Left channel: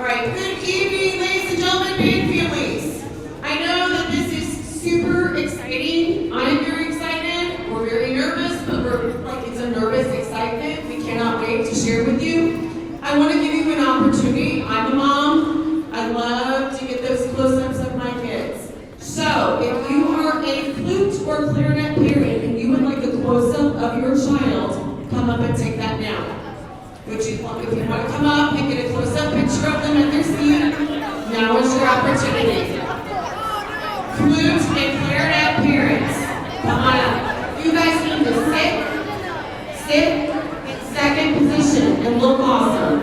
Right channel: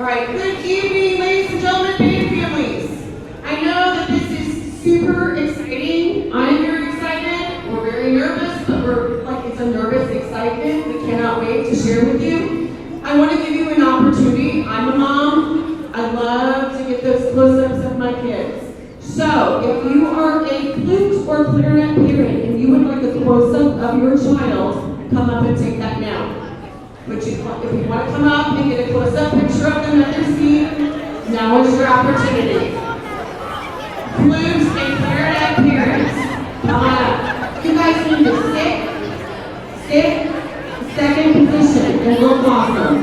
All right, good evening, ladies and gentlemen and families. I know that this is super exciting. I am very excited. We're very nervous, but it's a nervous excitement. We cannot wait to share with you. I want to give you an opportunity. I'm a mom. I love to get those close-ups of my kids. So, if you are a flute or clarinet parent and you would like a close-up of your child, come up and take that now. If you want to come up and get a close-up picture of them at their seat, now is your opportunity. Flute and clarinet parents, come on up. You guys need to sit, second position, and look awesome.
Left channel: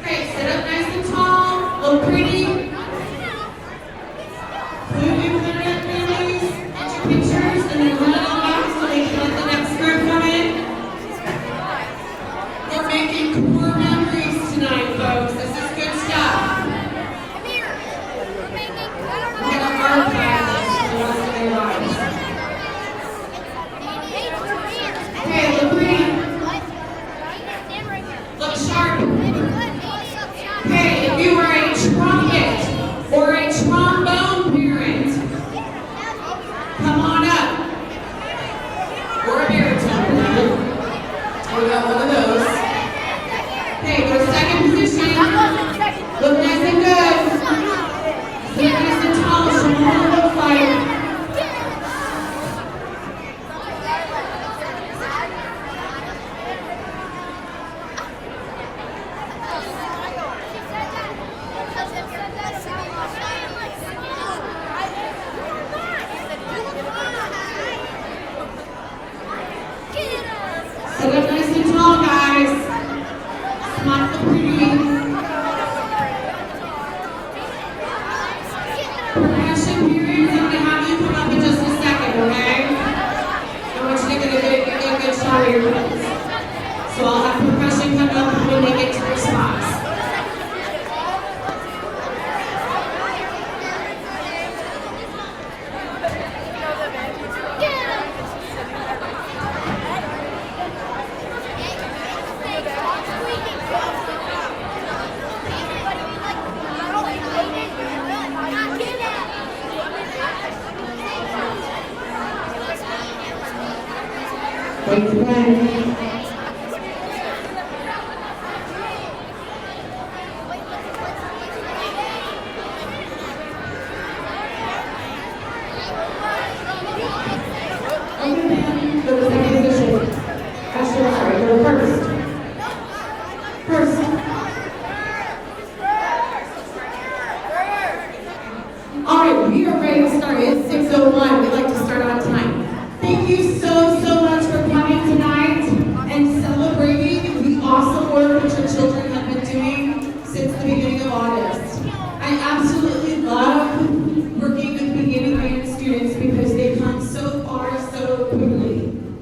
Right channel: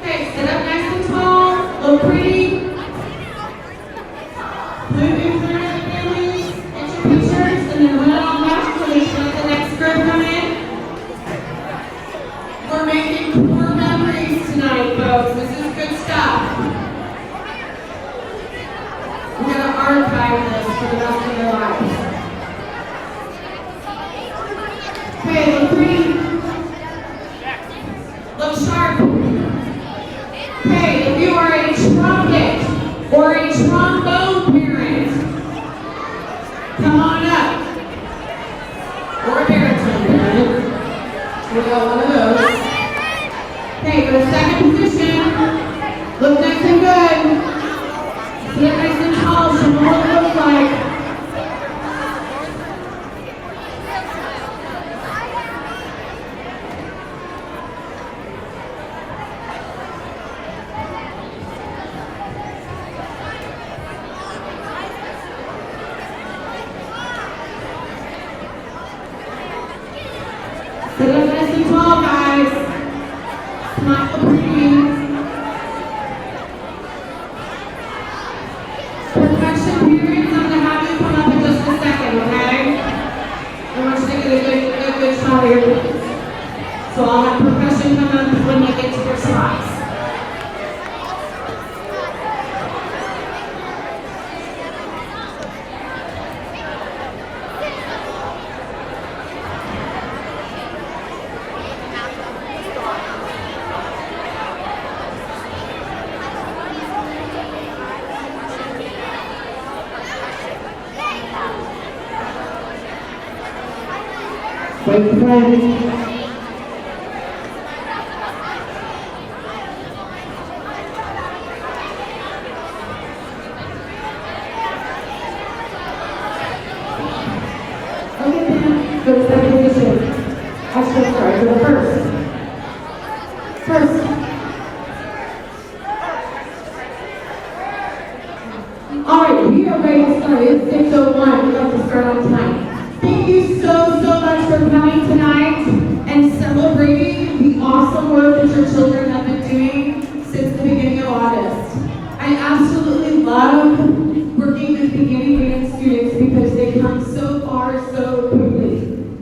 Okay, sit up nice and tall, look pretty. Pictures and then run it on back so they can let the next group come in. We're making core memories tonight, folks. This is good stuff. We're going to archive this for the rest of their lives. Okay, look pretty. Look sharp. Okay, if you are a trumpet or a trombone parent, come on up. Or a baritone parent. We got one of those. Okay, go to second position. Look nice and good. Sit nice and tall. Show them what it looks like. Sit up nice and tall, guys. Smile pretty. Percussion periods, I'm going to have you come up in just a second, okay? I want you to get a good shot of your legs. So I'll have percussion come up when they get to their spots. Thank you, guys. Okay, ma'am, go to second position. Actually, I'm sorry, go first. All right, we are ready to start. It's 6:01. We'd like to start on time. Thank you so much for coming tonight and celebrating the awesome work that your children have been doing since the beginning of August. I absolutely love working with beginning grade students because they've come so far so quickly.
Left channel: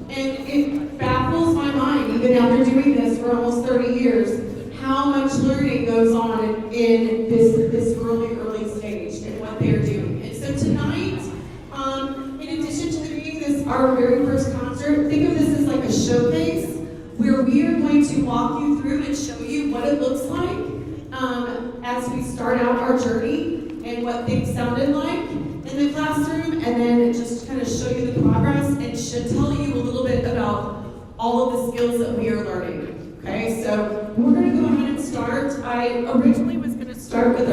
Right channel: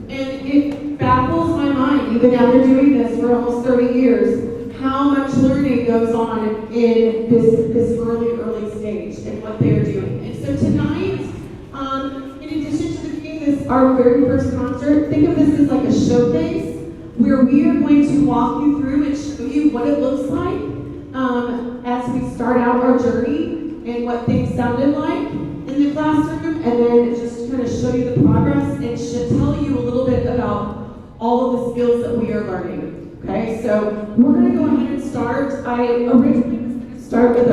And it baffles my mind, even after doing this for almost 30 years, how much learning goes on in this early stage and what they're doing. And so tonight, in addition to our very first concert, think of this as like a showcase where we are going to walk you through and show you what it looks like as we start out our journey and what things sounded like in the classroom, and then just kind of show you the progress and should tell you a little bit about all of the skills that we are learning. Okay, so we're going to go ahead and start. I originally was going to start with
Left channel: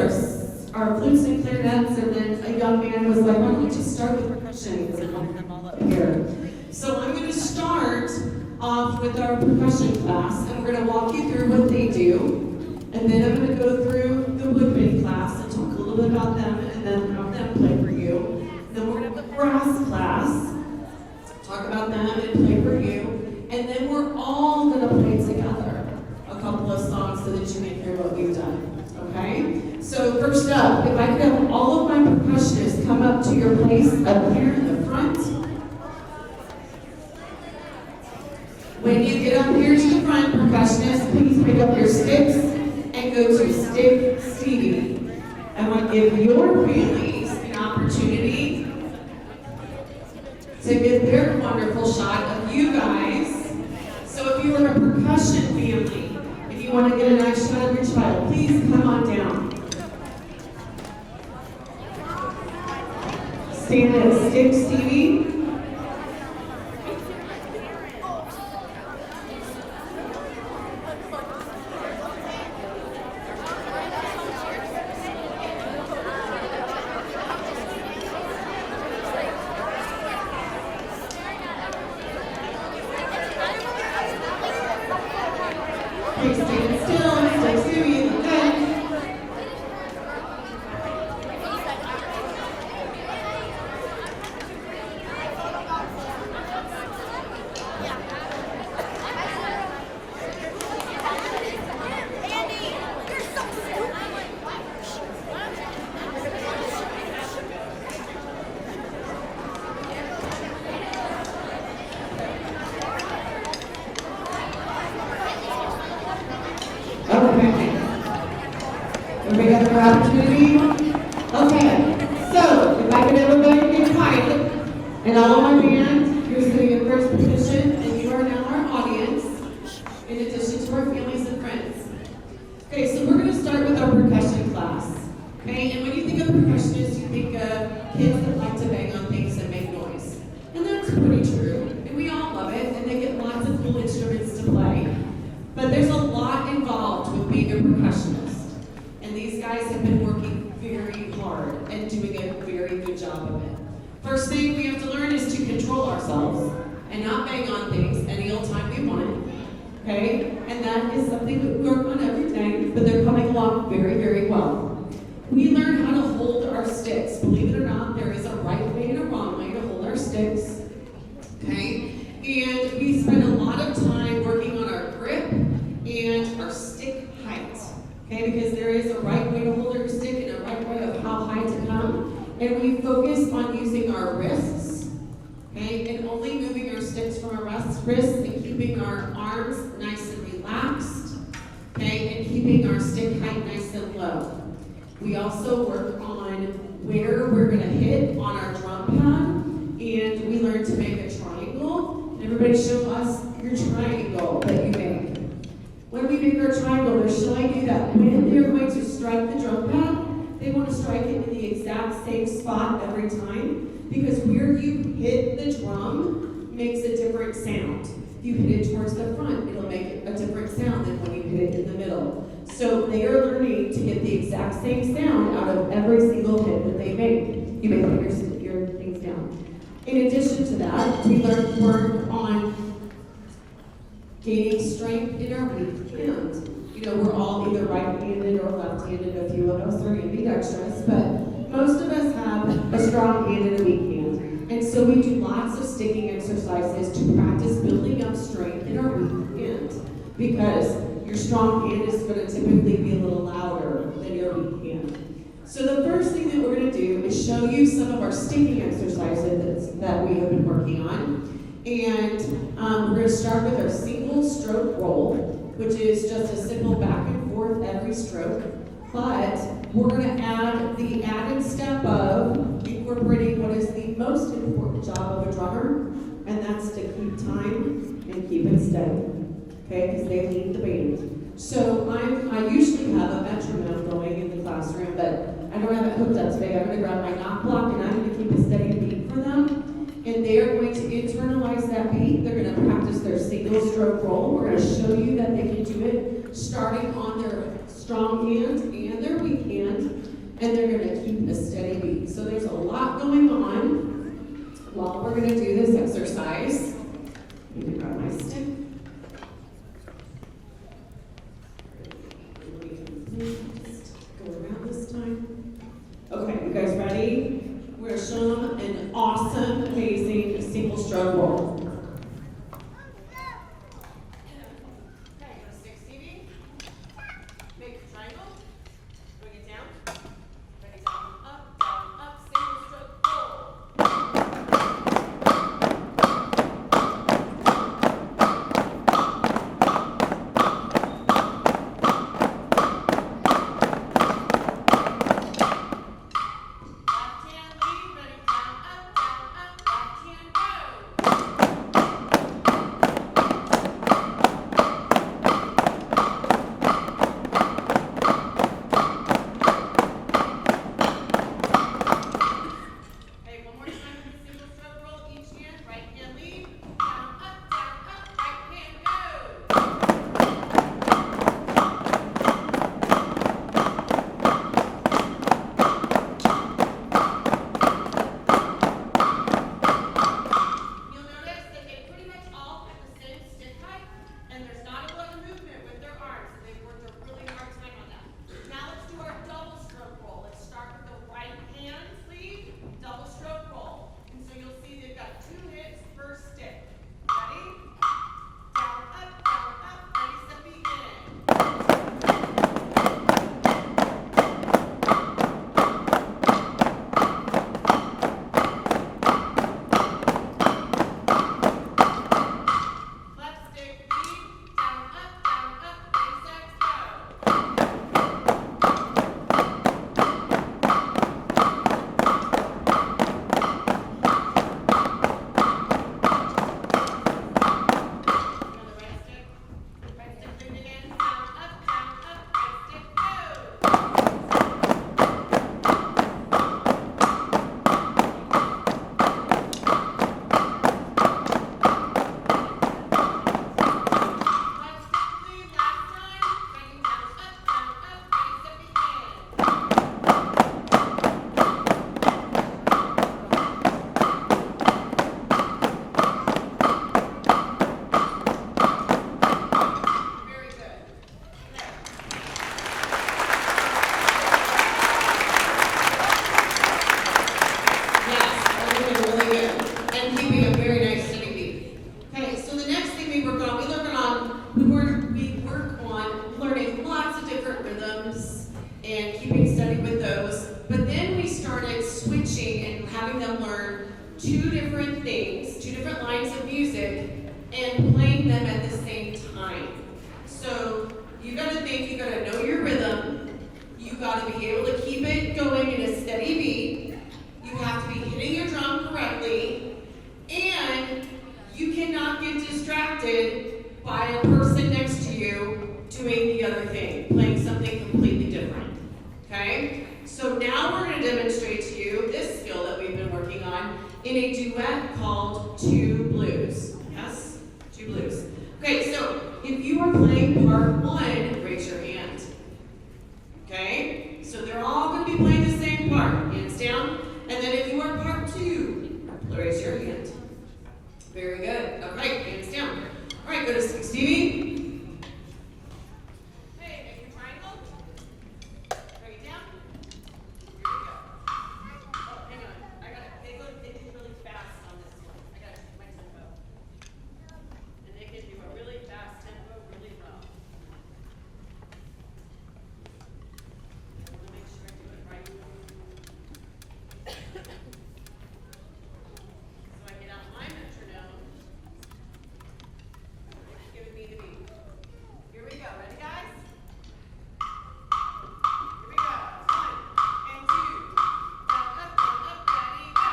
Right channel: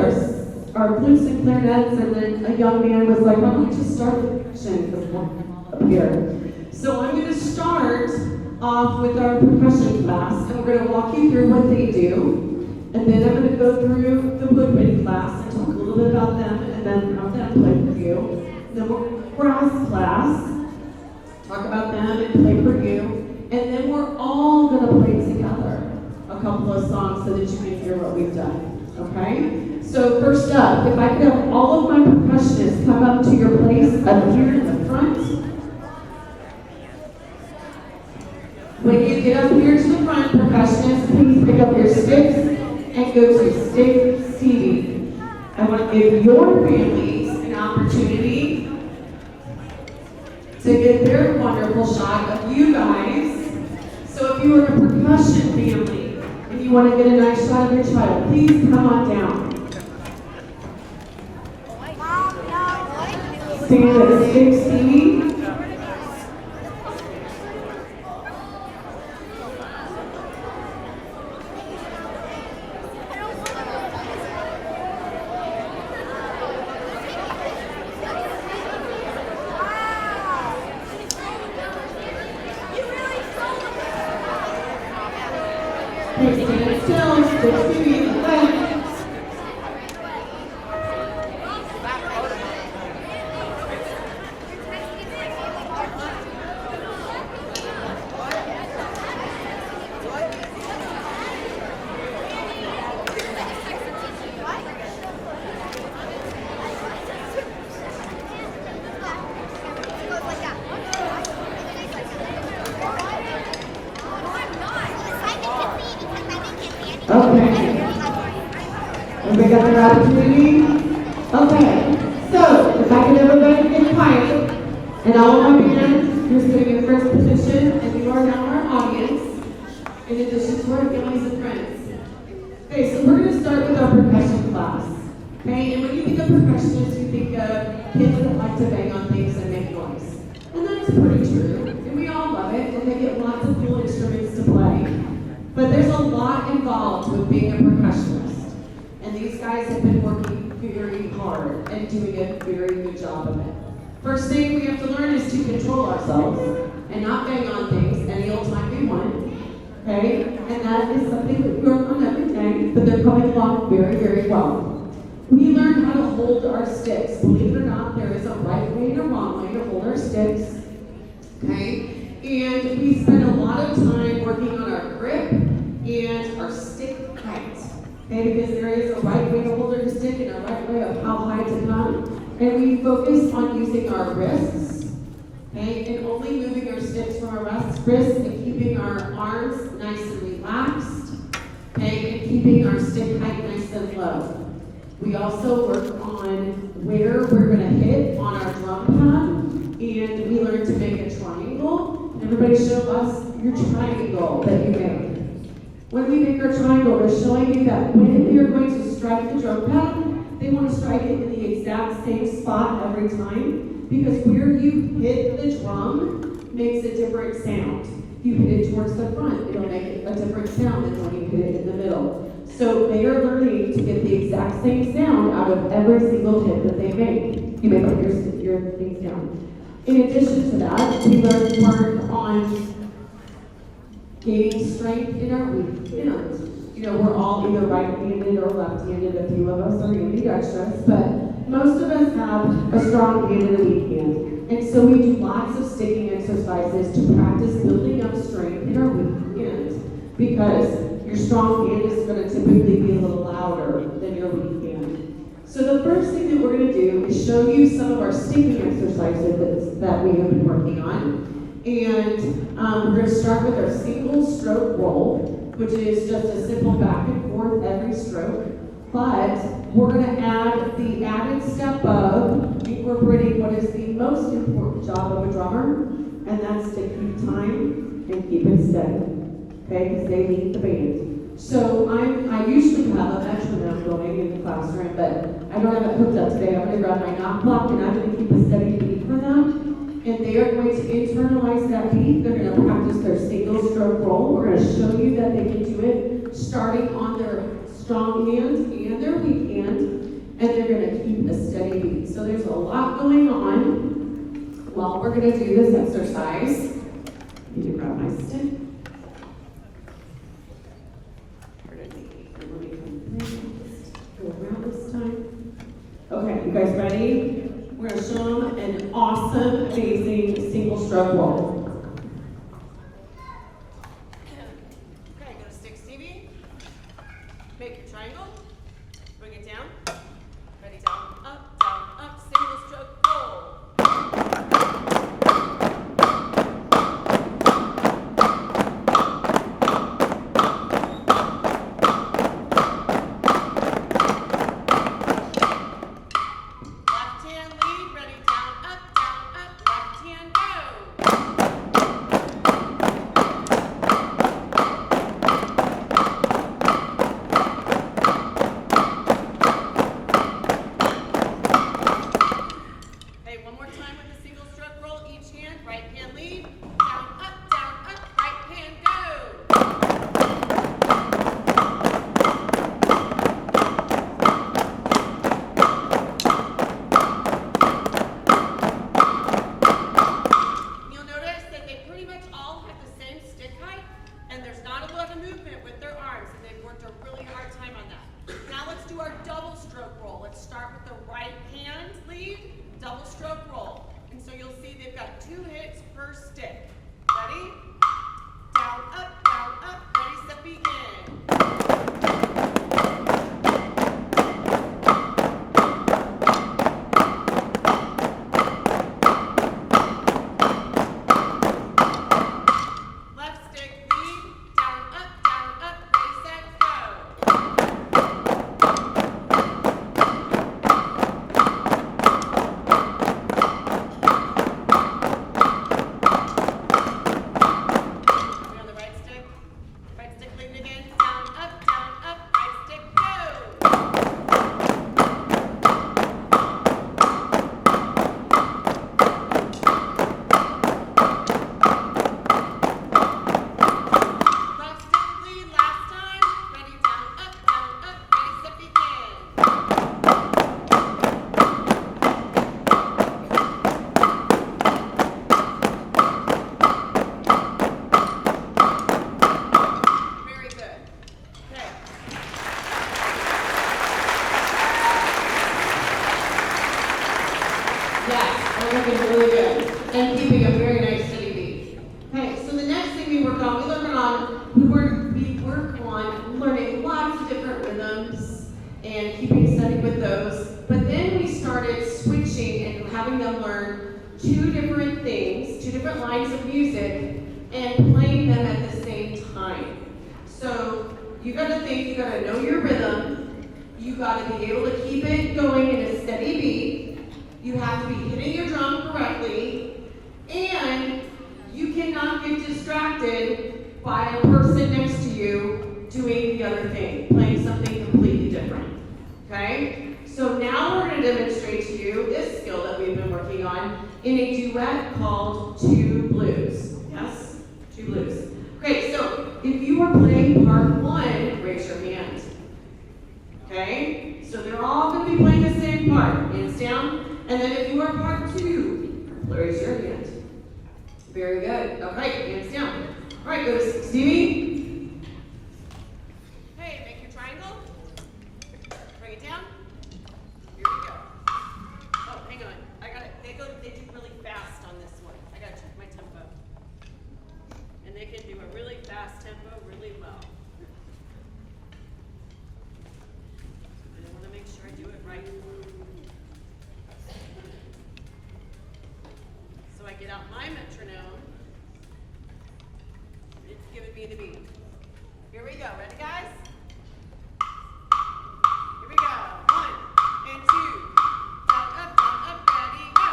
our flutes and clarinets, and then a young man was like, why don't we just start with percussion? Here. So I'm going to start off with our percussion class, and we're going to walk you through what they do, and then I'm going to go through the woodwind class and talk a little bit about them, and then have them play for you. Then we're going to the brass class, talk about them and play for you, and then we're all going to play together a couple of songs so that you can hear what we've done. Okay? So first up, if I could have all of my percussionists come up to your place up here in the front. When you get up here to the front, percussionists, please pick up your sticks and go to Stick Stevie. I want to give your families the opportunity wonderful shot of you guys. So if you are a percussion family and you want to get a nice shot of your child, please come on down. Stand at 6, Stevie. Please stand still, Stevie in the front. Okay. Okay, got the opportunity? Okay. So, if I could everybody get quiet, and all of my band, you're sitting in first position, and you are now our audience, in addition to our families and friends. Okay, so we're going to start with our percussion class. Okay, and when you think of percussionists, you think of kids that like to bang on things and make noise. And that's pretty true, and we all love it, and they get lots of cool instruments to play. But there's a lot involved with being a percussionist. And these guys have been working very hard and doing a very good job of it. First thing we have to learn is to control ourselves and not bang on things any old time we want. Okay? And that is something that we work on every day, but they're coming along very, very well. We learn how to hold our sticks. Believe it or not, there is a right way and a wrong way to hold our sticks. Okay? And we spend a lot of time working on our grip and our stick height. Okay, because there is a right way to hold your stick and a right way of how high to come. And we focus on using our wrists. Okay, and only moving our sticks from our wrists and keeping our arms nice and relaxed. Okay, and keeping our stick height nice and low. We also work on where we're going to hit on our drum pad, and we learn to make a triangle. Everybody show us your triangle that you make. When we make our triangle, we're showing you that when you're going to strike the drum pad, they want to strike it in the exact same spot every time, because where you hit the drum makes a different sound. If you hit it towards the front, it'll make a different sound than when you hit it in the middle. So they are learning to get the exact same sound out of every single hit that they make. You may put your things down. In addition to that, we work on gaining strength in our weak hand. You know, we're all either right-handed or left-handed. A few of us are ambidextrous, but most of us have a strong hand and a weak hand. And so we do lots of sticking exercises to practice building up strength in our weak hand, because your strong hand is going to typically be a little louder than your weak hand. So the first thing that we're going to do is show you some of our sticking exercises that we have been working on. And we're going to start with our single stroke roll, which is just a simple back and forth every stroke. But we're going to add the added step of incorporating what is the most important job of a drummer, and that's to keep time and keep it steady. Okay, because they lead the band. So I usually have a metronome going in the classroom, but I don't have it hooked up today. I'm going to grab my knock block and I'm going to keep a steady beat for them. And they are going to internalize that beat. They're going to practice their single stroke roll. We're going to show you that they can do it starting on their strong hand and their weak hand. And they're going to keep a steady beat. So there's a lot going on while we're going to do this exercise. Let me grab my stick. Go around this time. Okay, you guys ready? We're going to show them an awesome, amazing single stroke roll. Okay, go to stick, Stevie. Make your triangle. Bring it down. Ready, down, up, single stroke roll. Left hand lead, ready, down, up, left hand go. we work on learning lots of different rhythms and keeping steady with those. But then we started switching and having them learn two different things, two different lines of music, and playing them at the same time. So you gotta think, you gotta know your rhythm, you gotta be able to keep it going in a steady beat, you have to be hitting your drum correctly, and you cannot get distracted by a person next to you doing the other thing, playing something completely different, okay? So now we're gonna demonstrate to you this skill that we've been working on in a duet called Two Blues. Yes? Two Blues. Okay, so if you are playing part one, raise your hand. Okay? So they're all gonna be playing the same part, hands down. And then if you are part two, raise your hand. Very good. Okay, hands down. All right, go to Stevie. Hey, make your triangle. Bring it down. Here we go. Oh, hang on. I got it. They do really fast on this one. I got to check my tempo. And they can do a really fast tempo really well. And I want to make sure I do it right. So I get out my metronome. It's giving me the beat. Here we go. Ready, guys? Here we go. 1 and 2. Down, up, ready, go.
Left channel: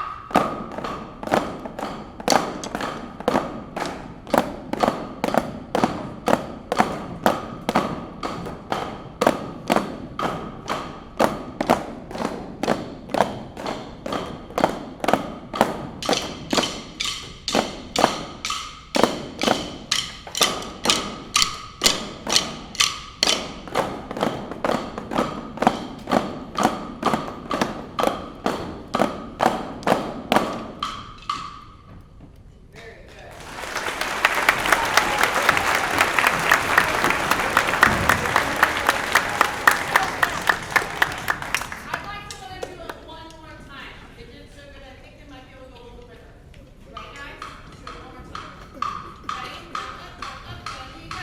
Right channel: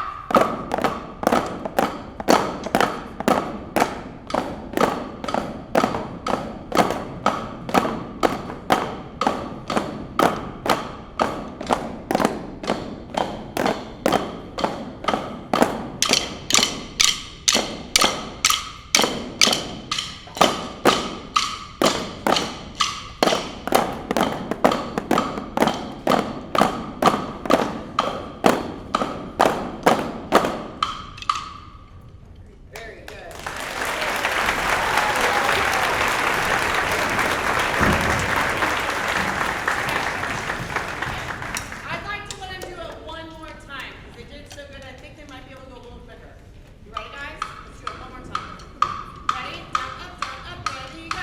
Very good. I'd like to let them do it one more time. They did so good, I think they might be able to go a little quicker. You ready, guys? Let's do it one more time. Ready? Down, up, ready, go.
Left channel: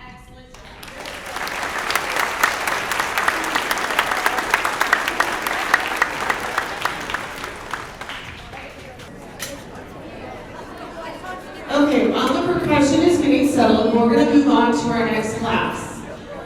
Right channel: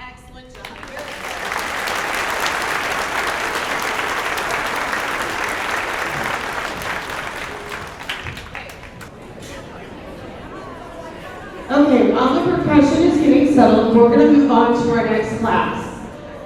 Excellent job. Very good. Okay, while the percussion is getting settled, we're going to move on to our next class.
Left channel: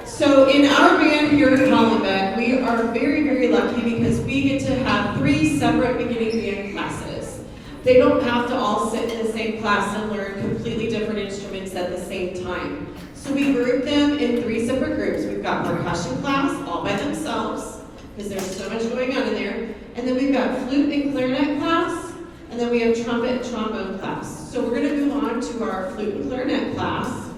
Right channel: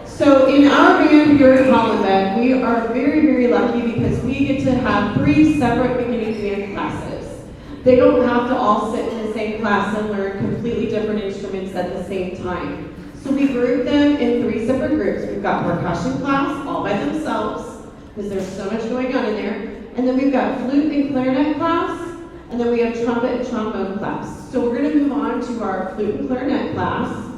So in our band here at Hollenbeck, we are very, very lucky because we get to have 3 separate beginning band classes. They don't have to all sit in the same class and learn completely different instruments at the same time. So we group them in 3 separate groups. We've got percussion class all by themselves, because there's so much going on in there. And then we've got flute and clarinet class, and then we have trumpet and trombone class. So we're going to move on to our flute and clarinet class.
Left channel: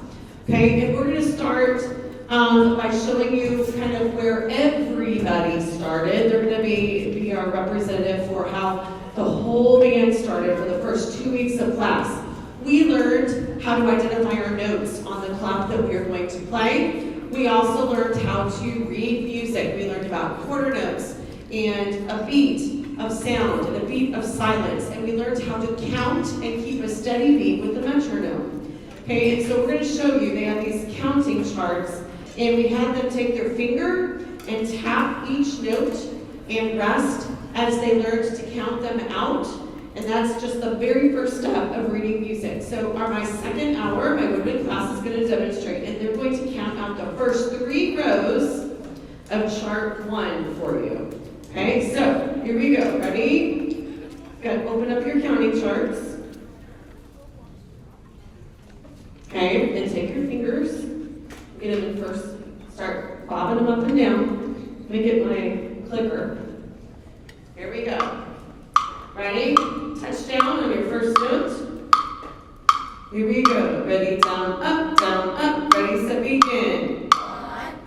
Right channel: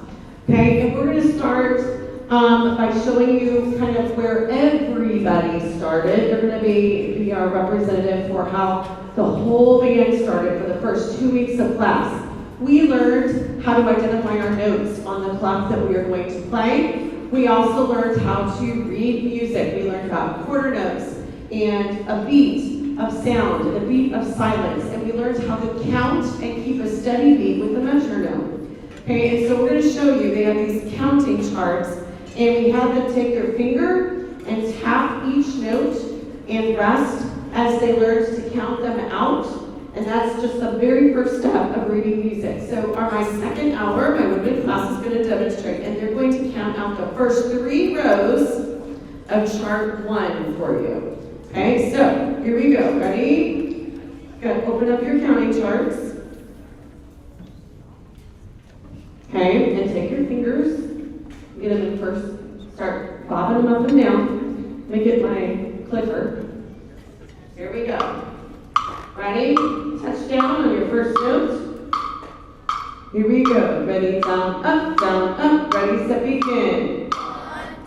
Okay, and we're going to start by showing you kind of where everybody started. They're going to be our representative for how the whole band started for the first 2 weeks of class. We learned how to identify our notes on the clock that we are going to play. We also learned how to read music. We learned about quarter notes and a beat of sound and a beat of silence. And we learned how to count and keep a steady beat with the metronome. Okay, and so we're going to show you, they have these counting charts, and we have them take their finger and tap each note and rest as they learn to count them out. And that's just the very first step of reading music. So my second hour, my women class is going to demonstrate, and they're going to count out the first 3 rows of chart 1 for you. Okay, so here we go. Ready? Good. Open up your counting charts. Okay, and take your fingers. Get them in first. Start bobbing them up and down. Make it my clicker. Here we go. Ready? Touch down on your first note. Here we go. Ready? Down, up, ready, set, begin. 1,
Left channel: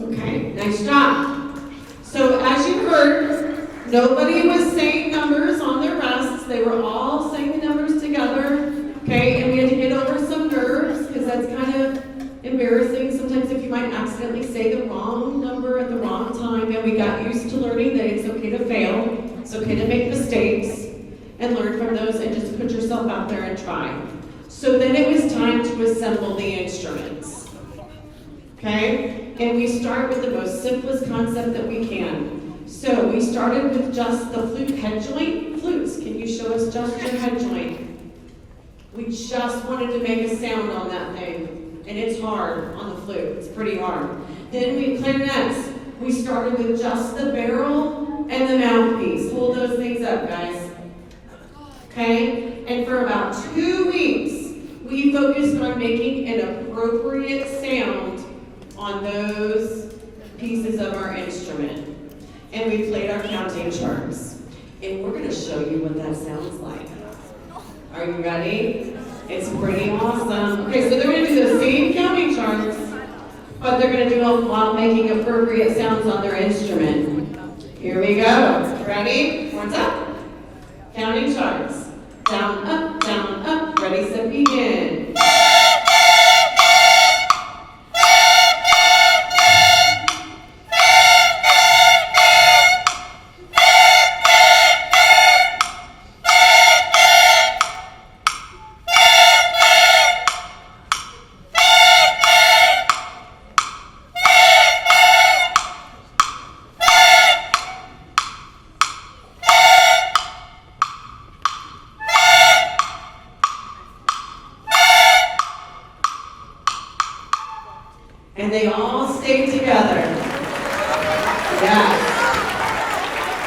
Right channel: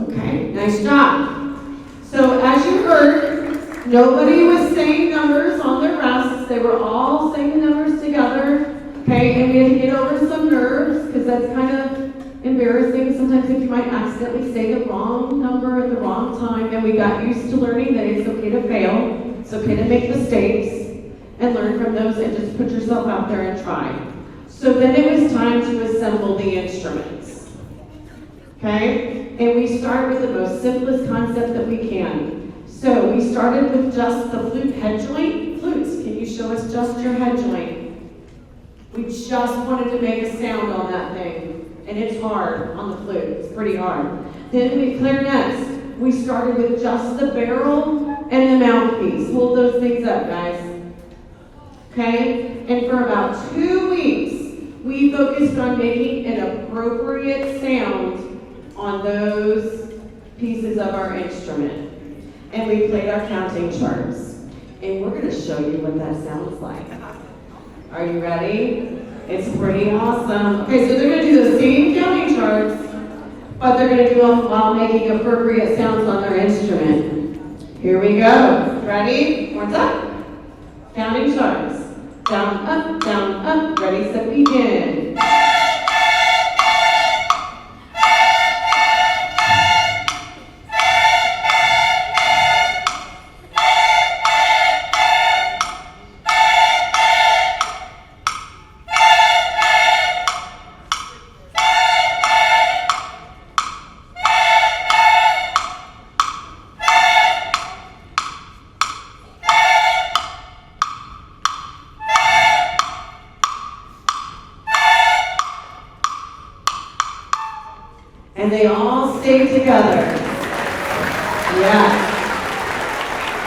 Okay, nice job. So as you heard, nobody was saying numbers on their rests. They were all saying the numbers together. Okay, and we had to get over some nerves because that's kind of embarrassing sometimes if you might accidentally say the wrong number at the wrong time. And we got used to learning that it's okay to fail. It's okay to make mistakes and learn from those and just put yourself out there and try. So then it was time to assemble the instruments. Okay? And we start with the most simplest concept that we can. So we started with just the flute head joint. Flutes, can you show us just your head joint? We just wanted to make a sound on that thing. And it's hard on the flute. It's pretty hard. Then we clarinets. We started with just the barrel and the mouthpiece. Hold those things up, guys. Okay? And for about 2 weeks, we focused on making an appropriate sound on those pieces of our instrument. And we played our counting charts. And we're going to show you what that sounds like. Are you ready? It's pretty awesome. Okay, so they're going to do the same counting charts, but they're going to do it while making appropriate sounds on their instrument. Here we go. Ready? One's up. Counting charts. Down, up, ready, set, begin. And they all stay together. Yes.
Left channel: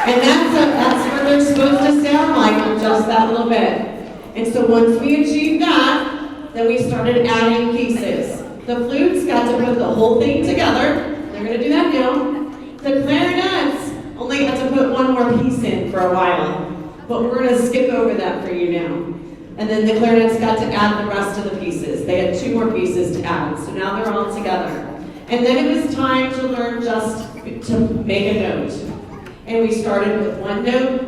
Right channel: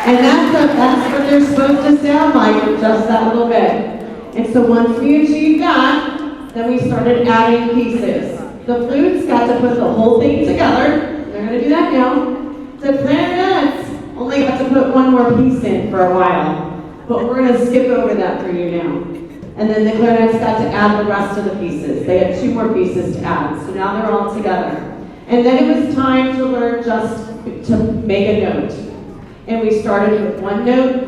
And that's what they're supposed to sound like, just that little bit. And so once we achieved that, then we started adding pieces. The flutes got to put the whole thing together. They're going to do that now. The clarinets only got to put one more piece in for a while. But we're going to skip over that for you now. And then the clarinets got to add the rest of the pieces. They had 2 more pieces to add, so now they're all together. And then it was time to learn just to make a note. And we started with 1 note,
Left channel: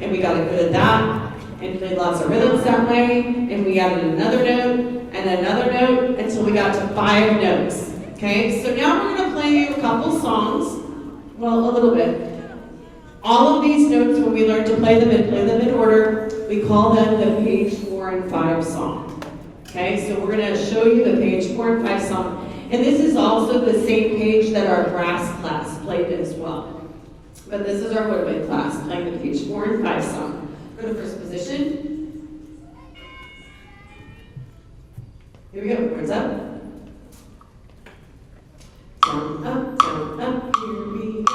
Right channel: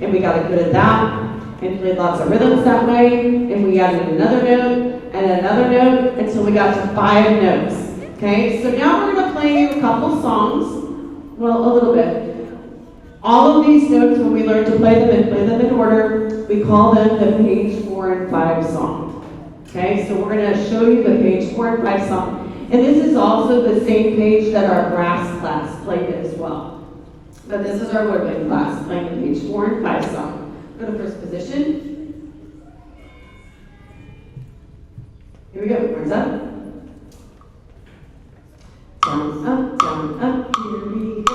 and we got good at that, and did lots of rhythms that way, and we added another note, and another note, until we got to 5 notes. Okay, so now we're going to play a couple songs, well, a little bit. All of these notes, when we learn to play them and play them in order, we call them the page 4 and 5 song. Okay, so we're going to show you the page 4 and 5 song. And this is also the same page that our brass class played as well. But this is our woodwind class playing the page 4 and 5 song. Go to first position. Here we go, hands up. Down, up, here we go.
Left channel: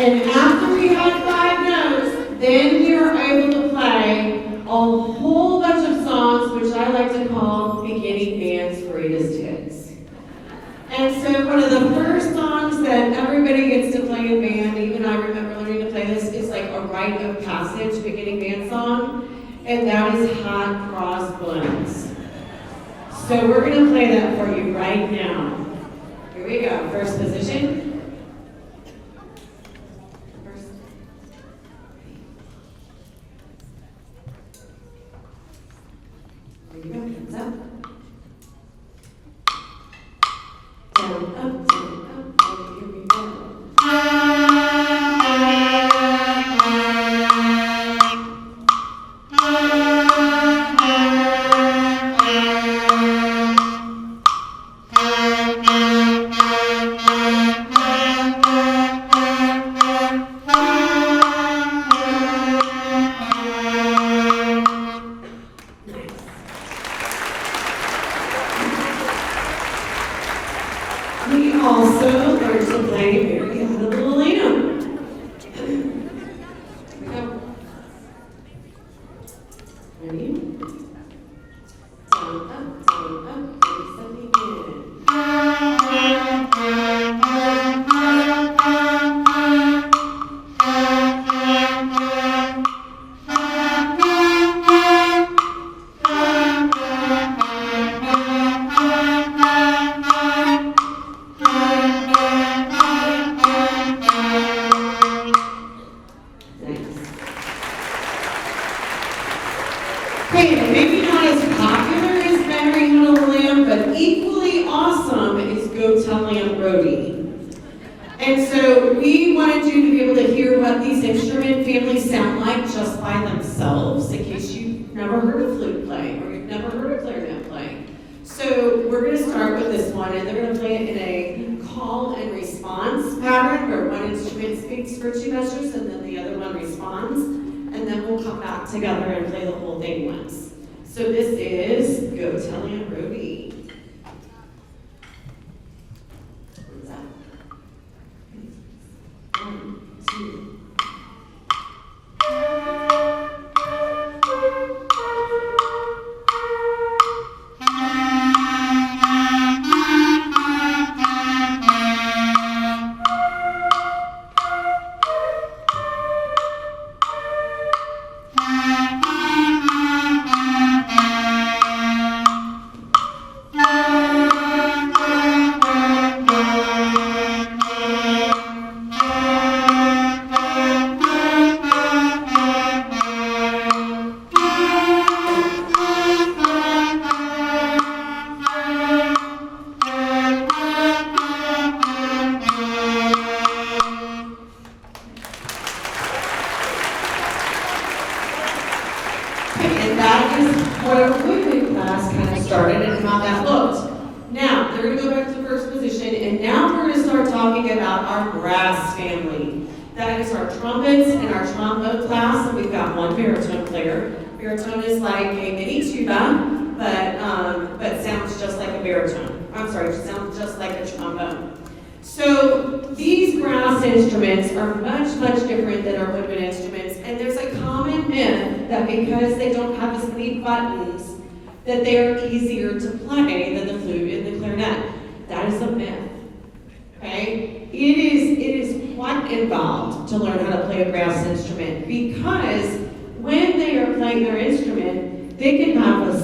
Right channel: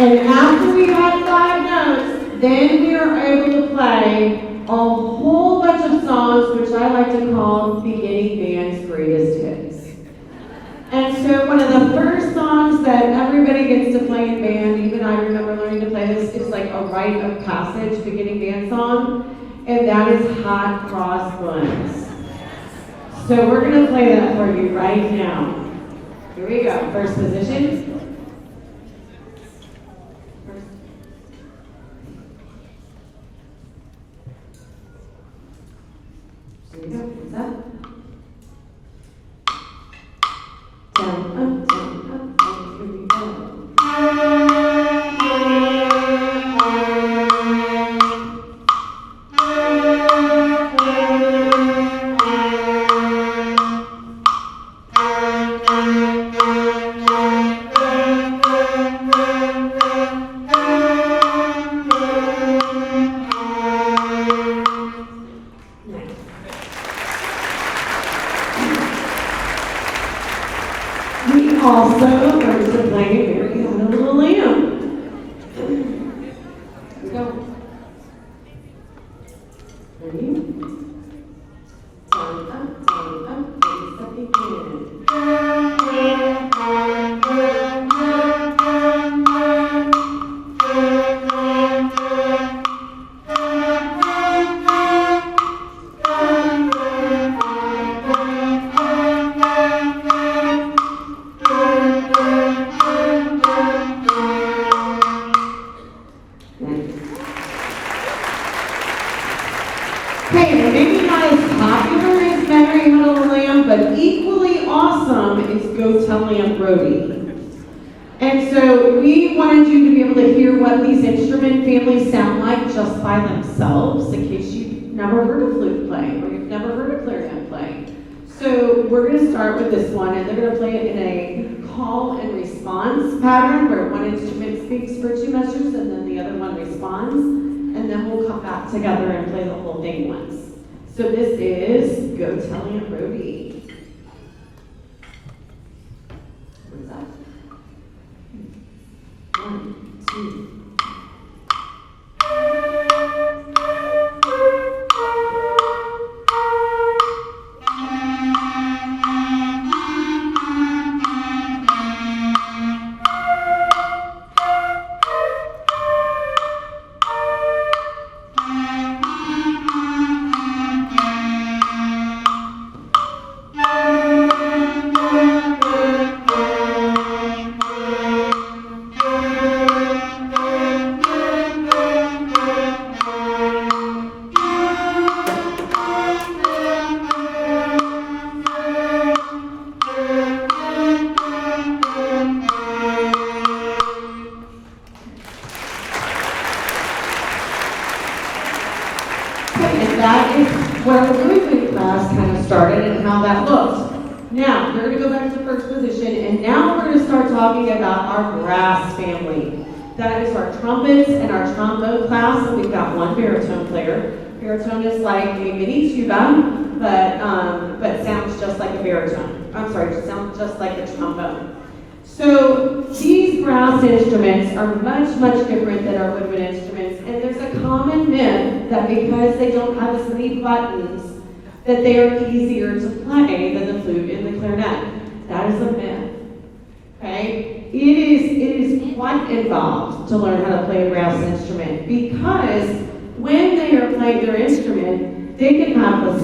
And after we had 5 notes, then we were able to play a whole bunch of songs, which I like to call beginning band's greatest hits. And so one of the first songs that everybody gets to play in band, even I remember learning to play this, is like a rite of passage beginning band song, and that is Hot Cross Buns. So we're gonna play that for you right now. Here we go, first position. Here we go, hands up. Down, up, here we go. We also learned to play Mary Had a Little Lamb. Go. Ready? Down, up, ready, set, begin. Okay, and maybe not as popular as Mary Had a Little Lamb, but equally awesome is Go Tell Aunt Rhody. And so we wanted you to be able to hear what these instrument families sound like just by themselves, in case you've never heard a flute play or you've never heard a clarinet play. So we're going to start with this one, and they're going to play it in a call and response pattern where one instrument speaks for 2 measures and then the other one responds. And then we'll come back together and play the whole thing once. So this is Go Tell Aunt Rhody. What's that? 1, 2. And that is what our flute class kind of started and how that looked. Now, they're going to go back to first position, and now we're going to start talking about our brass family. That is our trumpets and our trombone class, and we've got one baritone player. Baritone is like a mini tuba, but sounds just like a baritone. I'm sorry, it sounds just like a trombone. So these brass instruments are much, much different than our wood instruments, and there's a common myth that because they don't have as many buttons, that they are easier to play than the flute and the clarinet. That is a myth. Okay? It is quite involved to learn how to play a brass instrument, because when they are playing their instrument, they can have a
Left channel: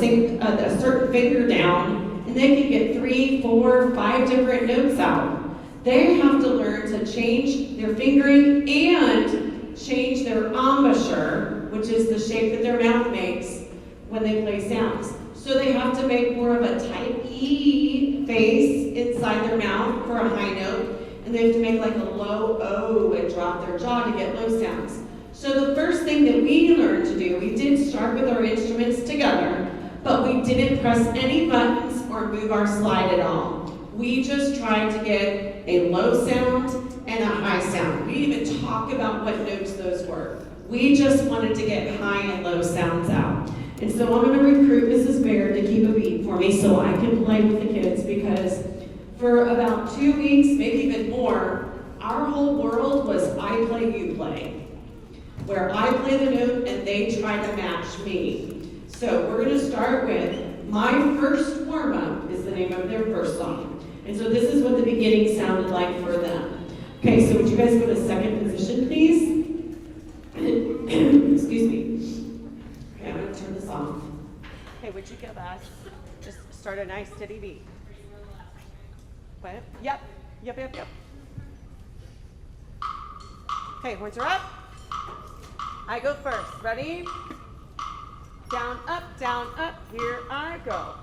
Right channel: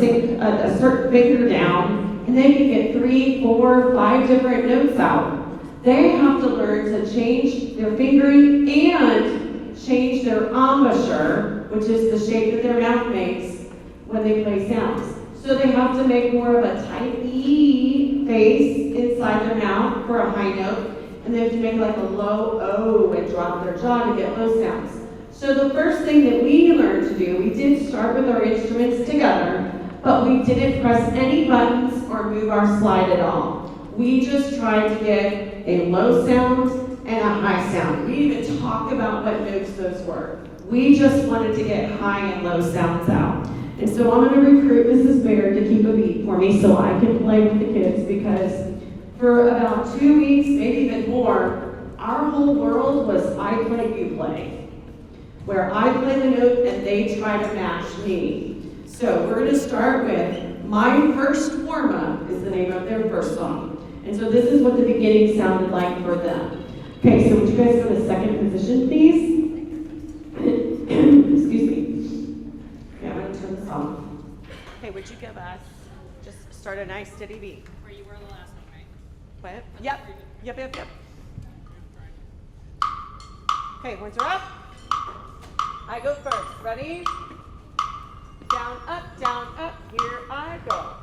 certain finger down, and they can get 3, 4, 5 different notes out. They have to learn to change their fingering and change their embouchure, which is the shape that their mouth makes when they play sounds. So they have to make more of a tight E face inside their mouth for a high note, and they have to make like a low O and drop their jaw to get low sounds. So the first thing that we learned to do, we did start with our instruments together, but we didn't press any buttons or move our slide at all. We just tried to get a low sound and a high sound. We didn't even talk about what notes those were. We just wanted to get high and low sounds out. And so I'm going to recruit Mrs. Baird to keep a beat for me so I can play with the kids, because for about 2 weeks, maybe even more, our whole world was I play, you play, where I play the note and they try to match me. So we're going to start with My First Warm-Up is the name of their first song. And so this is what the beginning sounded like for them. Okay, so would you guys go to second position, please? Excuse me. Okay, I'm going to turn this off. Okay, would you give us, just start a nice steady beat. Where you were on the last night, right? What? Yep. Okay, horns are up. I go first. Ready? Down, up, here I go.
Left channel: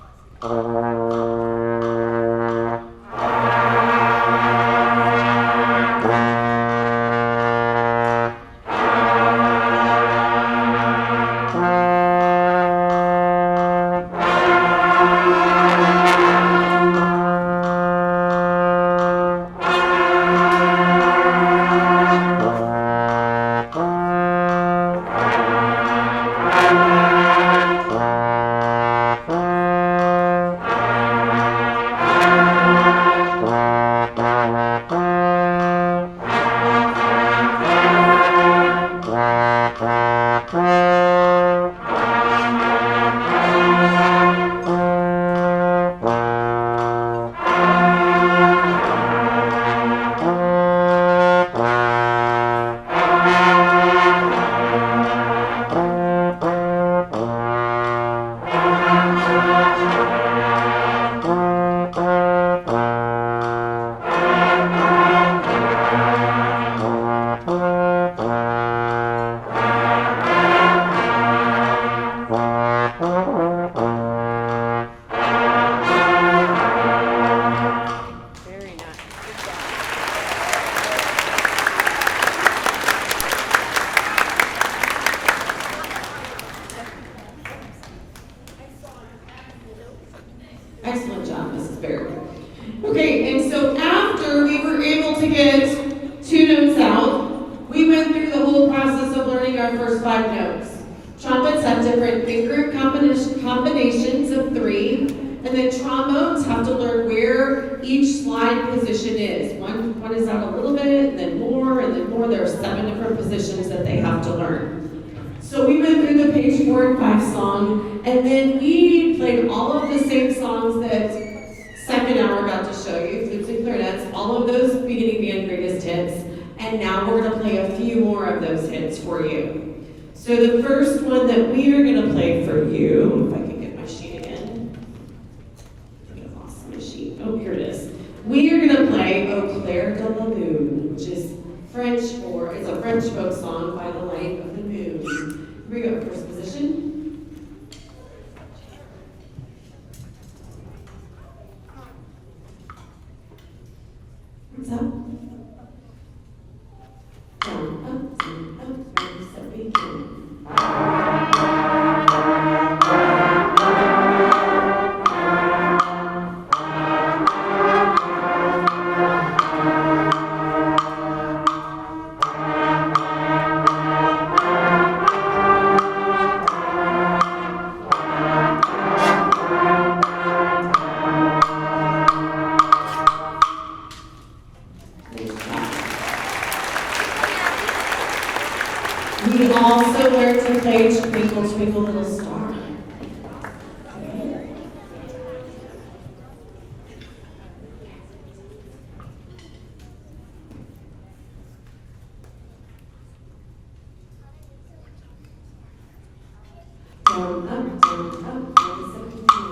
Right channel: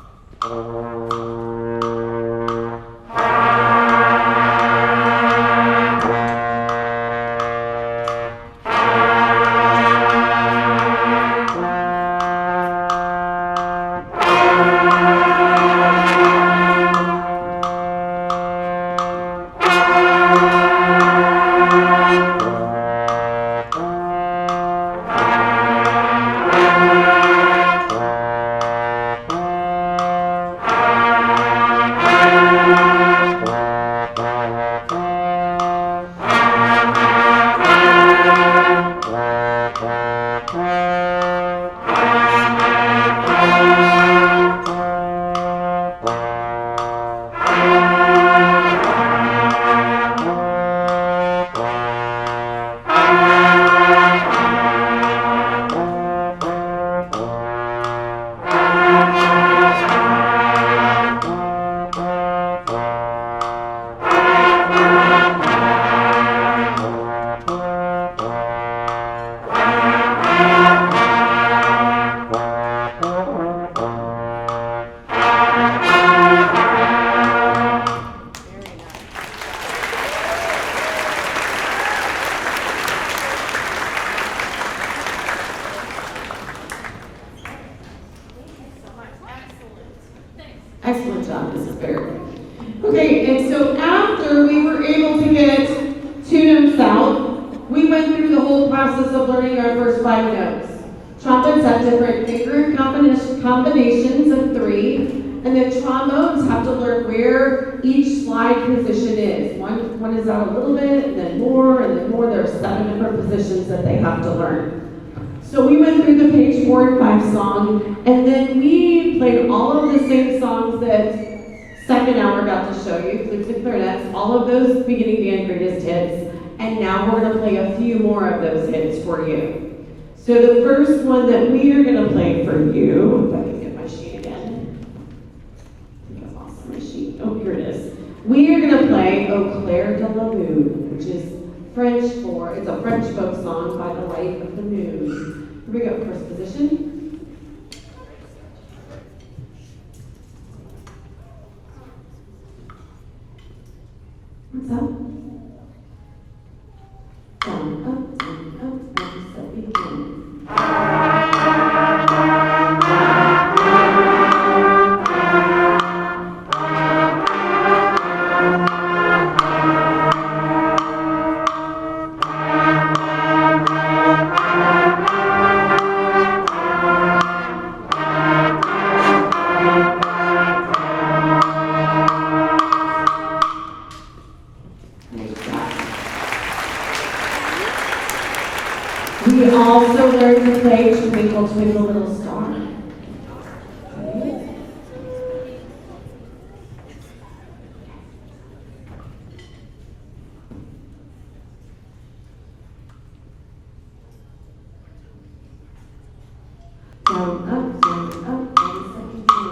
Excellent job, Mrs. Baird. Okay, and so after we were able to get 2 notes out, we went through the whole process of learning our first 5 notes. Trumpets have different finger combinations of 3, and then trombones have to learn where each slide position is. One is out a little bit, then more, and then more. There are 7 different positions that they have to learn. So we went through the page 4 and 5 song, and then we played all of the same songs that second hour got to show you, flutes and clarinets, all of those beginning, the end, greatest hits, and now we're going to play a few more of those hits for you. So the first one that we are going to play for you, if I can get my sheet again. I think I lost my sheet. Oh, here it is. We are going to play Au Clair de la Lune, which is French for, it's a French folk song by the light of the moon. Here we go, first position. What's up? Down, up, ready, set, begin. We also learned to play Twinkle, Twinkle, Little Star. Okay. Down, up, ready, set, begin.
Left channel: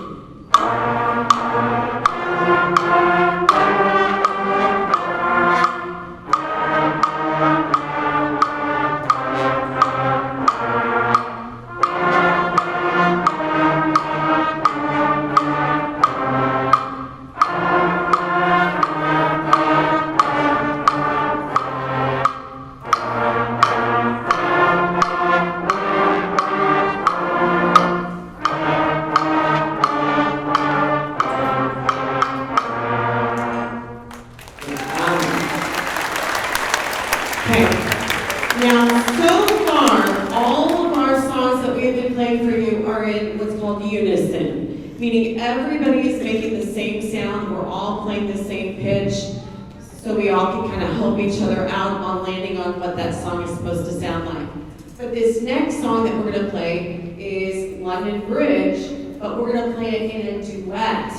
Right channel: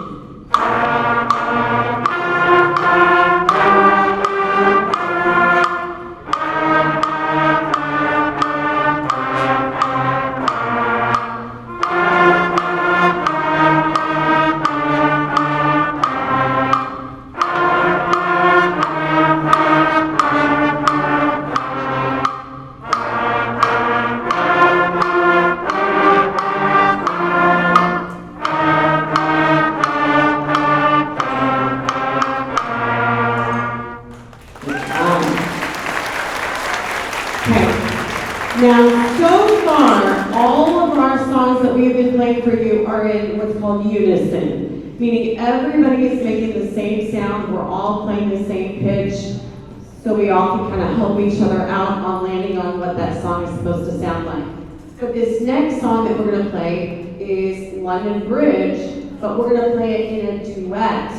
Okay. Now, so far, all of our songs that we have been playing for you are in what's called unison, meaning everybody is making the same sound, we're all playing the same pitch. so we all can kind of help each other out on landing on what that song is supposed to sound like. But this next song that we're going to play is London Bridge, but we're going to play it in a duet,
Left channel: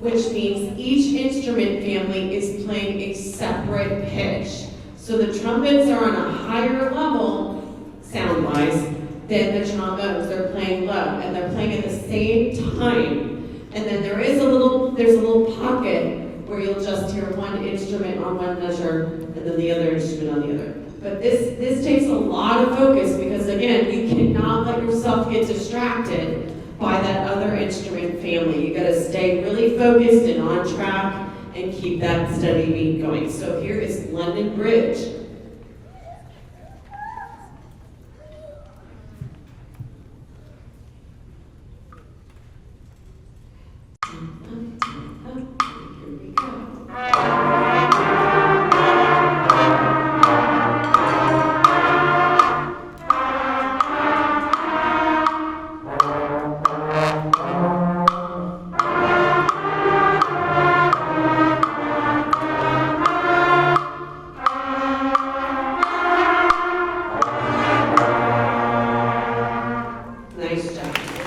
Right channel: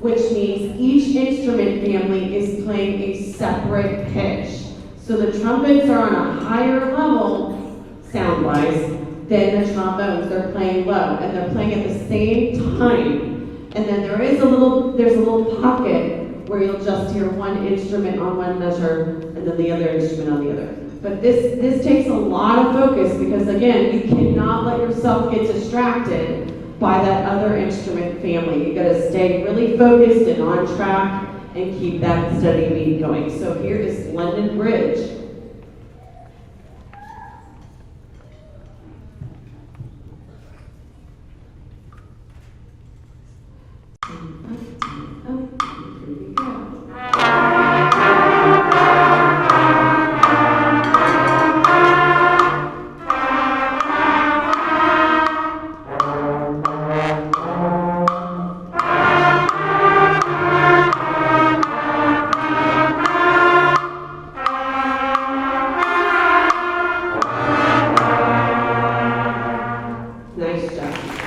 which means each instrument family is playing a separate pitch. So the trumpets are on a higher level, sound-wise, than the trombones. They're playing low, and they're playing at the same time. And then there's a little pocket where you'll just hear one instrument on one measure, and then the other instrument on the other. But this takes a lot of focus because, again, you cannot let yourself get distracted by that other instrument family. You gotta stay really focused and on track and keep that steady beat going. So here is London Bridge.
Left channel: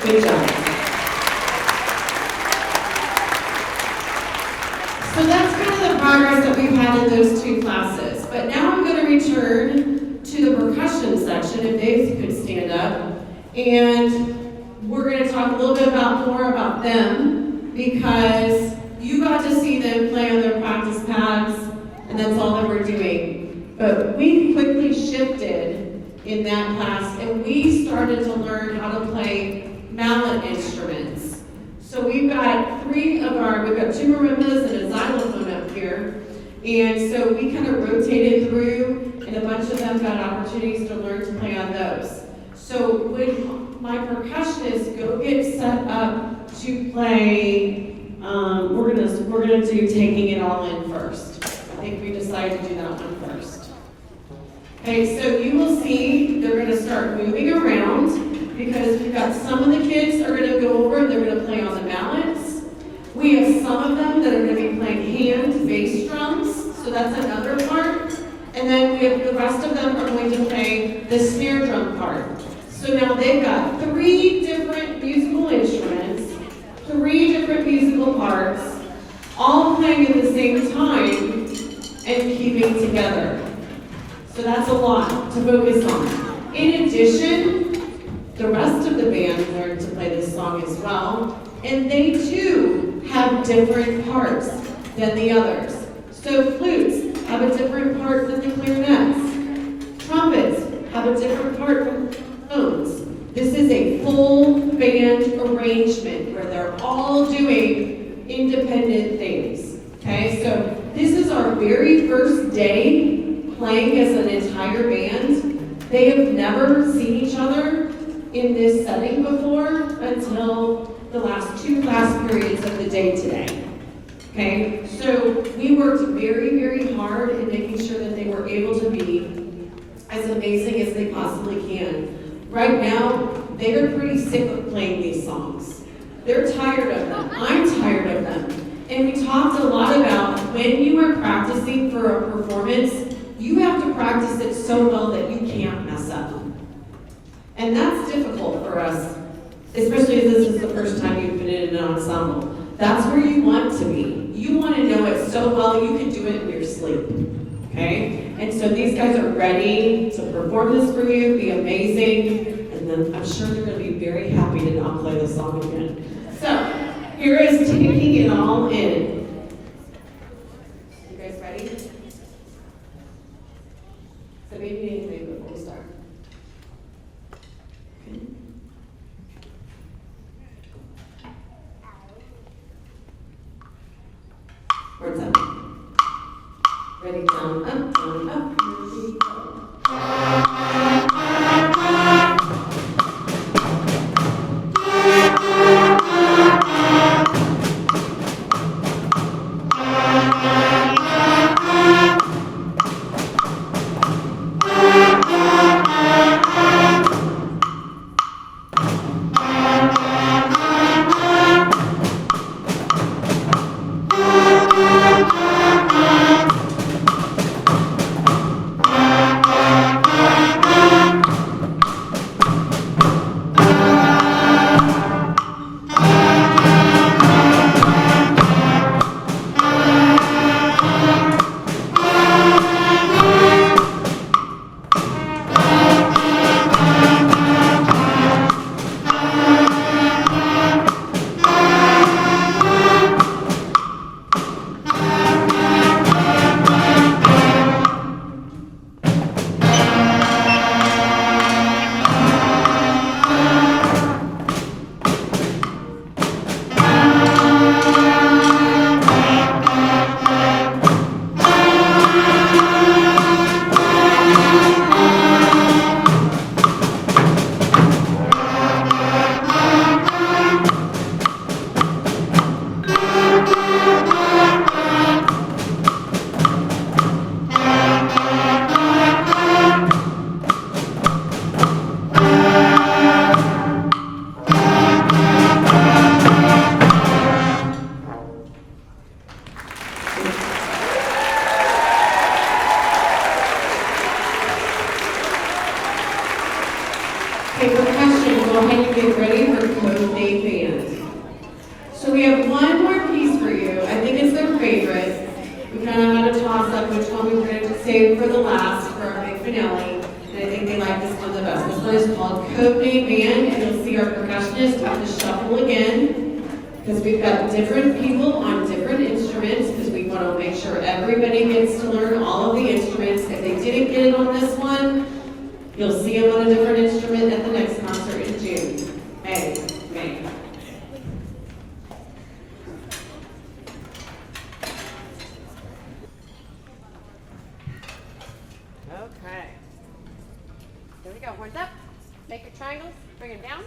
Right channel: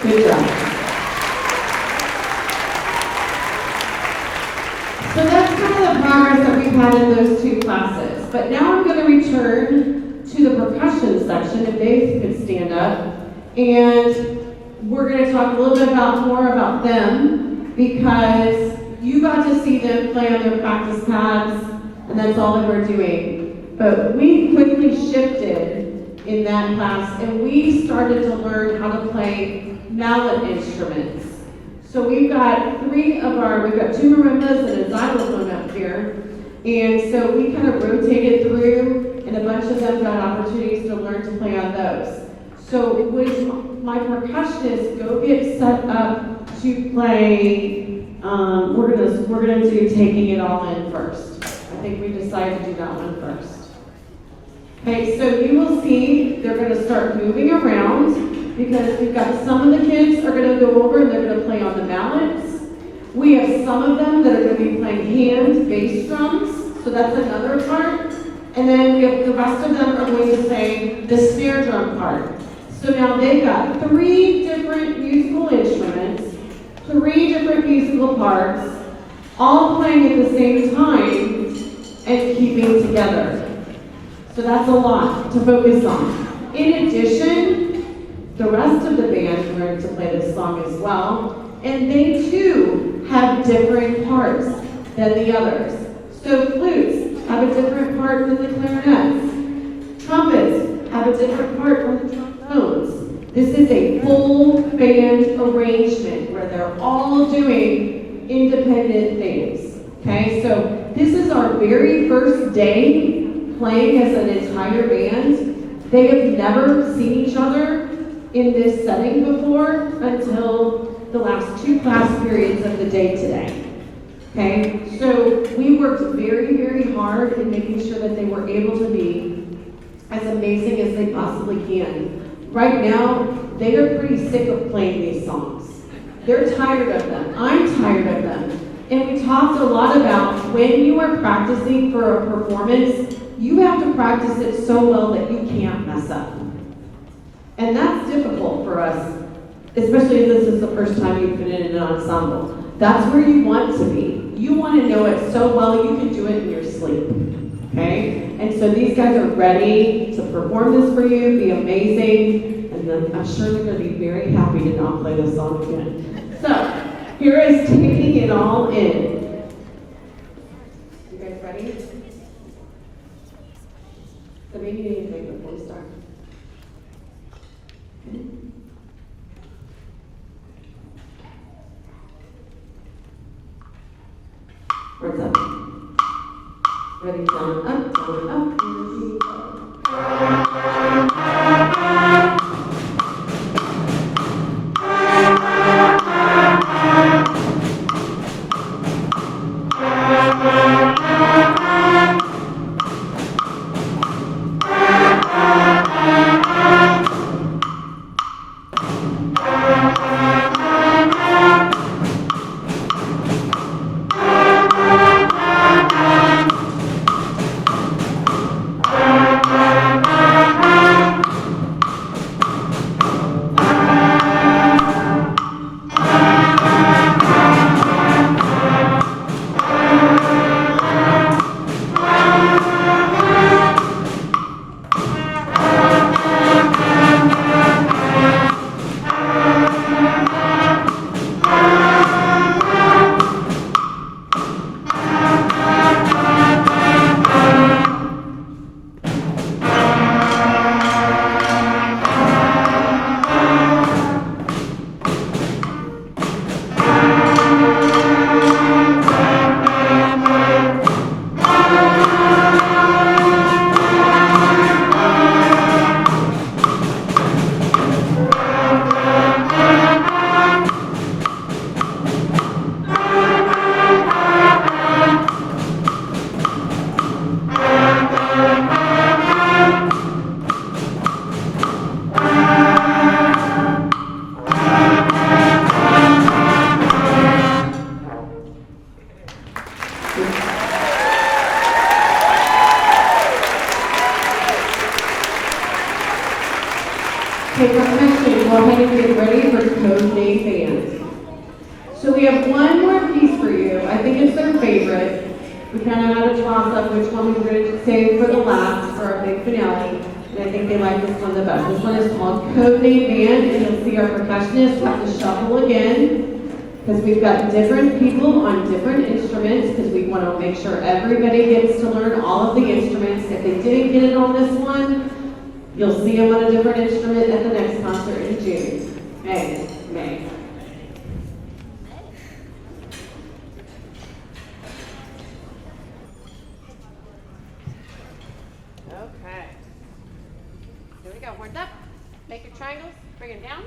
Good job. So that's kind of the progress that we've had in those two classes. But now I'm going to return to the percussion section, if Dave could stand up. And we're going to talk a little bit more about them, because you got to see them play on their practice pads, and that's all they were doing. But we quickly shifted in that class, and we started to learn how to play mallet instruments. So we've got two marimbas and a xylophone up here. And so we kind of rotated through, and a bunch of them got opportunities to learn to play on those. So when my percussionists go get set up to play, we're gonna do Taking It All In first. I think we decided to do that one first. Okay, so you will see they're gonna start moving around, because we've got some of the kids are going to go over and they're going to play on the mallets. We have some of them that are going to be playing hand bass drums, so that's another part. And then we have the rest of them are going to play the snare drum part. So now they've got 3 different musical instruments, 3 different musical parts, all playing at the same time and keeping together. So that's a lot to focus on. In addition, the rest of the band learned to play this song as well, and they too have different parts than the others. So flutes have a different part than the clarinets. Trumpets have a different part than the trombones. This is a full band arrangement where they're all doing independent things. Okay, so this is our very first day playing as an entire band. They have never seen each other in this setting before until the last 2 class periods of the day today. Okay, so we worked very, very hard in making sure that they were able to be as amazing as they possibly can. Right now, they are pretty sick of playing these songs. They're tired of them. I'm tired of them. And we talked a lot about when you are practicing for a performance, you have to practice it so well that you can't mess up. And that's difficult for us, especially if this is the first time you've been in an ensemble. That's where you want to be. You want to know it so well you can do it in your sleep, okay? And so these guys are ready to perform this for you, be amazing, and then I'm sure they're going to be very happy to not play this song again. So, here is Taking It All In. You guys ready? So maybe you need to think before we start. Words up. Ready, down, up, down, up, and we go. go ahead and get ready for Code Name Band. So we have one more piece for you. I think it's their favorite. We kind of had a toss-up which one we were going to save for the last, for our big finale. And I think they like this one the best. This one is called Code Name Band, and you'll see our percussionist have to shuffle again, because we've got different people on different instruments, because we want to make sure everybody gets to learn all of the instruments. If they didn't get it on this one, you'll see them on a different instrument at the next concert in June. May. Okay. Here we go. Horns up. Make your triangles. Bring them down.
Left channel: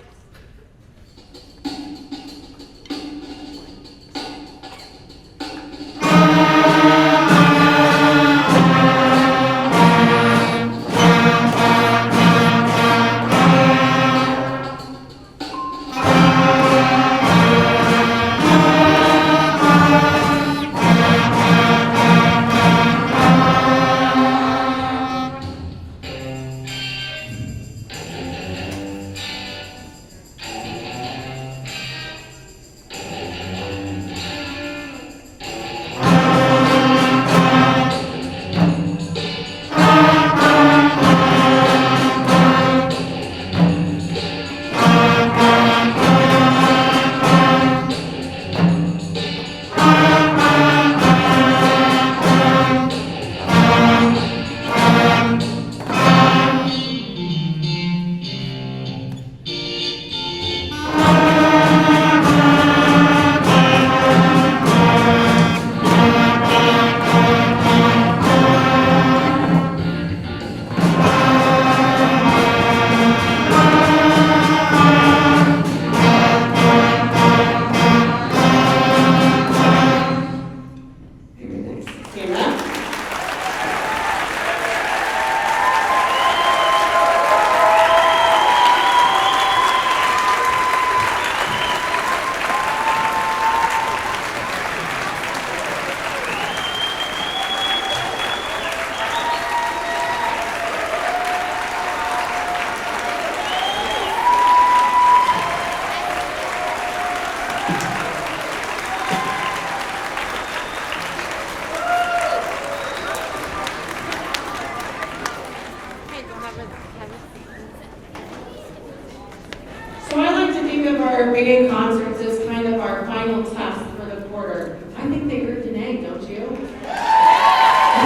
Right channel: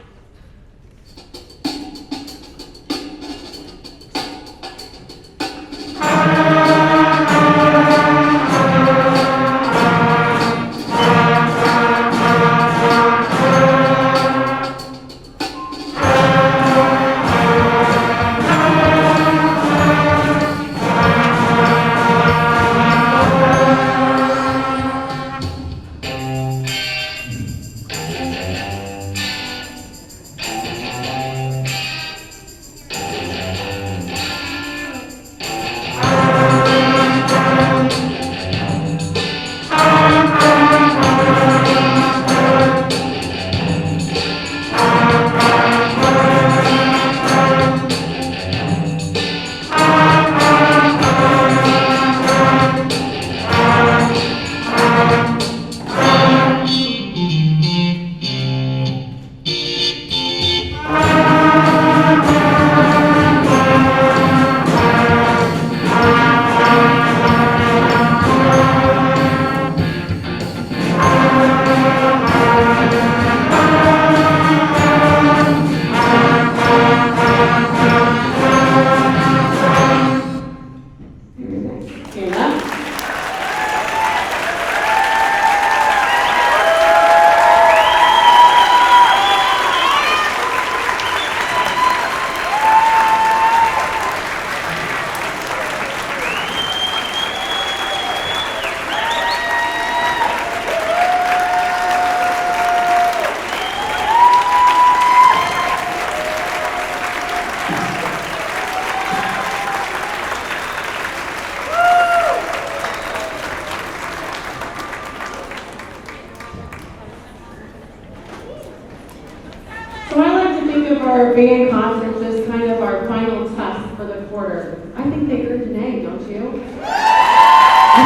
So I like to think of our band concerts as kind of our final test for the quarter. I think they earned an A, don't you? I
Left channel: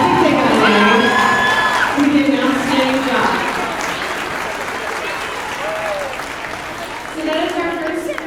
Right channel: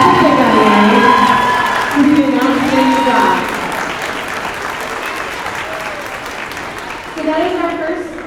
think they got an A. You did an outstanding job. So that is our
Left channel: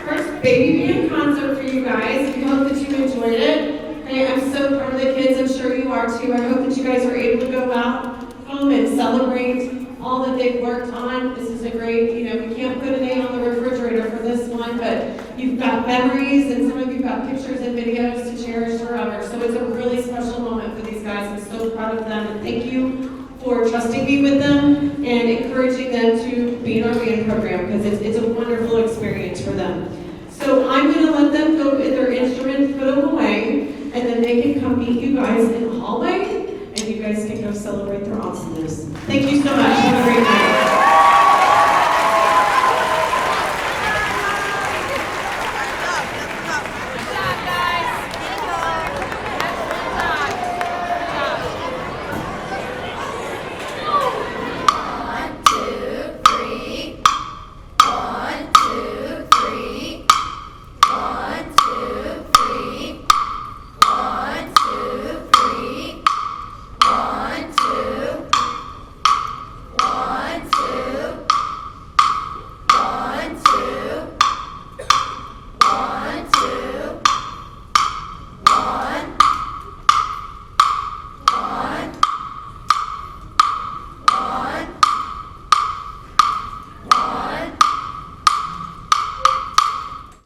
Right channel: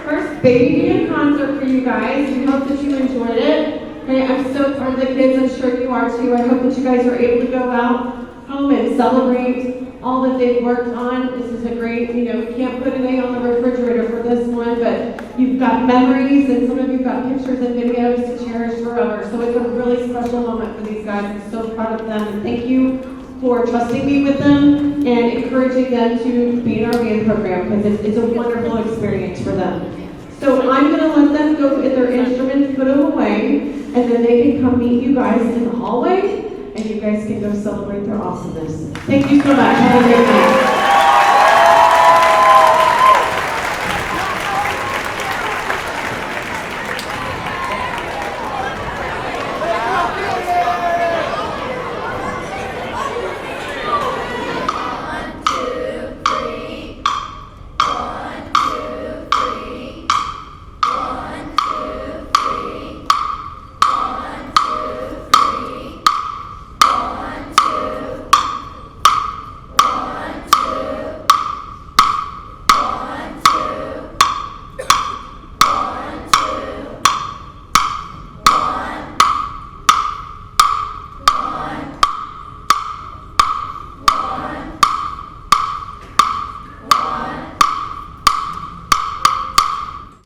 first baby band concert for you guys. We hope that you enjoyed it. And I'm so proud of the kids. I'm sure you are too. I hope that you guys were able to go out home and celebrate all that they've worked on. This is a great, we can't put an A on the refrigerator for this one, but you've got memories and some of you've got pictures and videos to cherish forever. So it's a really special moment for these guys. I'm so proud of them, and thank you for trusting me with them and encouraging them to be in our band program, because it's a wonderful experience for them. So I'm going to let them go get their instruments, put them away, and then they can come meet you guys in the hallway, and you guys can go celebrate their awesomeness. Thank you so much. Have a great night.